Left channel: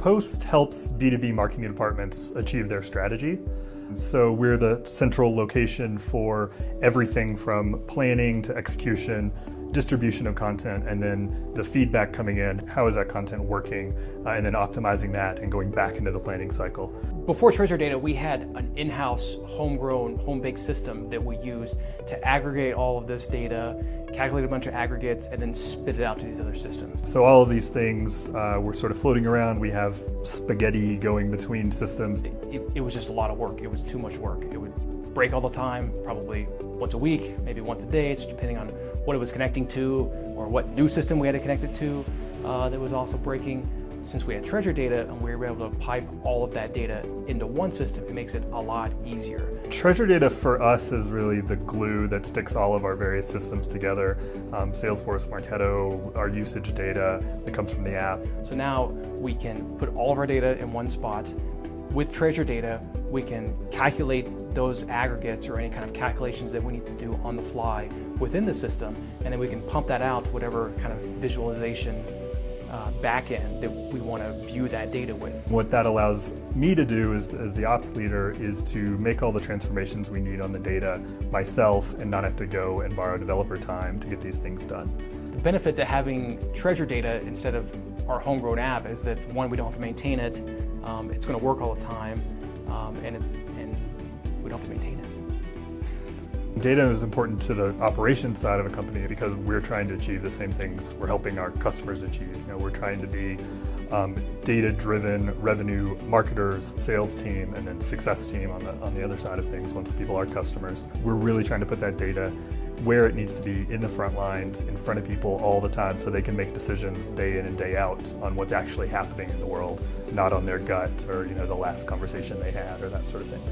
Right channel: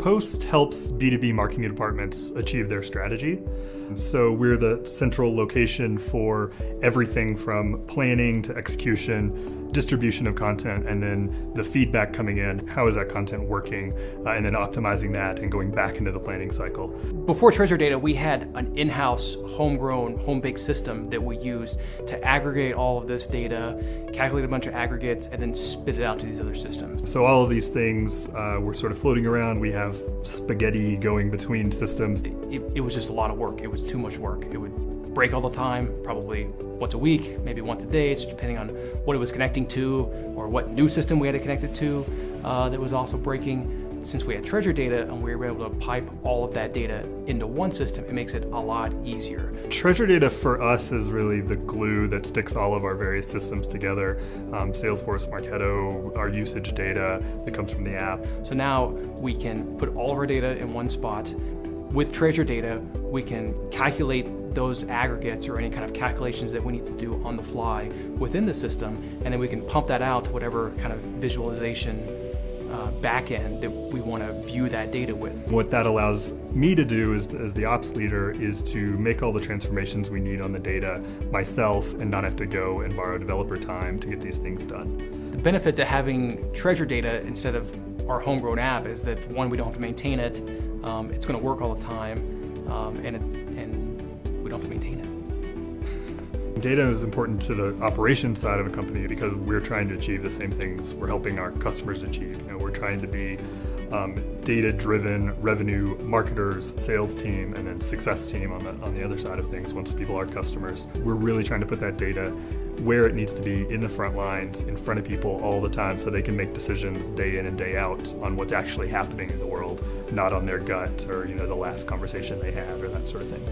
Kapost helps B2B marketing departments achieve their strategy. So we're the central location for everything from planning to execution, distribution of content, and then the feedback coming in. How is that content working? And then optimizing that and going back into the planning cycle. Before Treasure Data, we had an in-house, homegrown, home-baked system that we used to aggregate all of this data, calculate a bunch of aggregates, and then spit it out to these other systems. So all of these things were sort of floating around. We have spaghetti going between systems. It was just a lot of work. It was too much work. It would break all the time, probably once a week, maybe once a day, just depending on what it was connecting to or what new system we had to connect it to that was also breaking. Since we had Treasure Data and we were able to pipe all of that data into one system, it makes it a lot easier. Treasure Data for us is really the glue that sticks all of our various systems together. Salesforce, Marketo, our usage data that comes from the app. So now we can put all of our data in one spot. With Treasure Data, we can calculate those aggregates or any kind of calculations that we need to do on the fly within the system, and then we can pump that out to whatever kind of visualization backend that we want to view that data with. What that allows me to do as the ops leader is to make all the transformations we need on the data myself and not have to go and borrow developer time to get these things done. The benefit to having Treasure Data instead of our homegrown app is that, one, we don't have to maintain it, it's going to work all the time, and we don't have to maintain it. Data is important to the operations side of a company because we're trying to achieve the same things we're helping our customers achieve. We're trying to be data-driven revenue marketers, sales team, and then success team on the other side of things once people are customers. We're really trying to put that data where it needs to be, in the front lines, in front of people all the time so they can make decisions day in and day out on what's actually happening in the world, not on their gut or the last conversation they had or that sort of thing.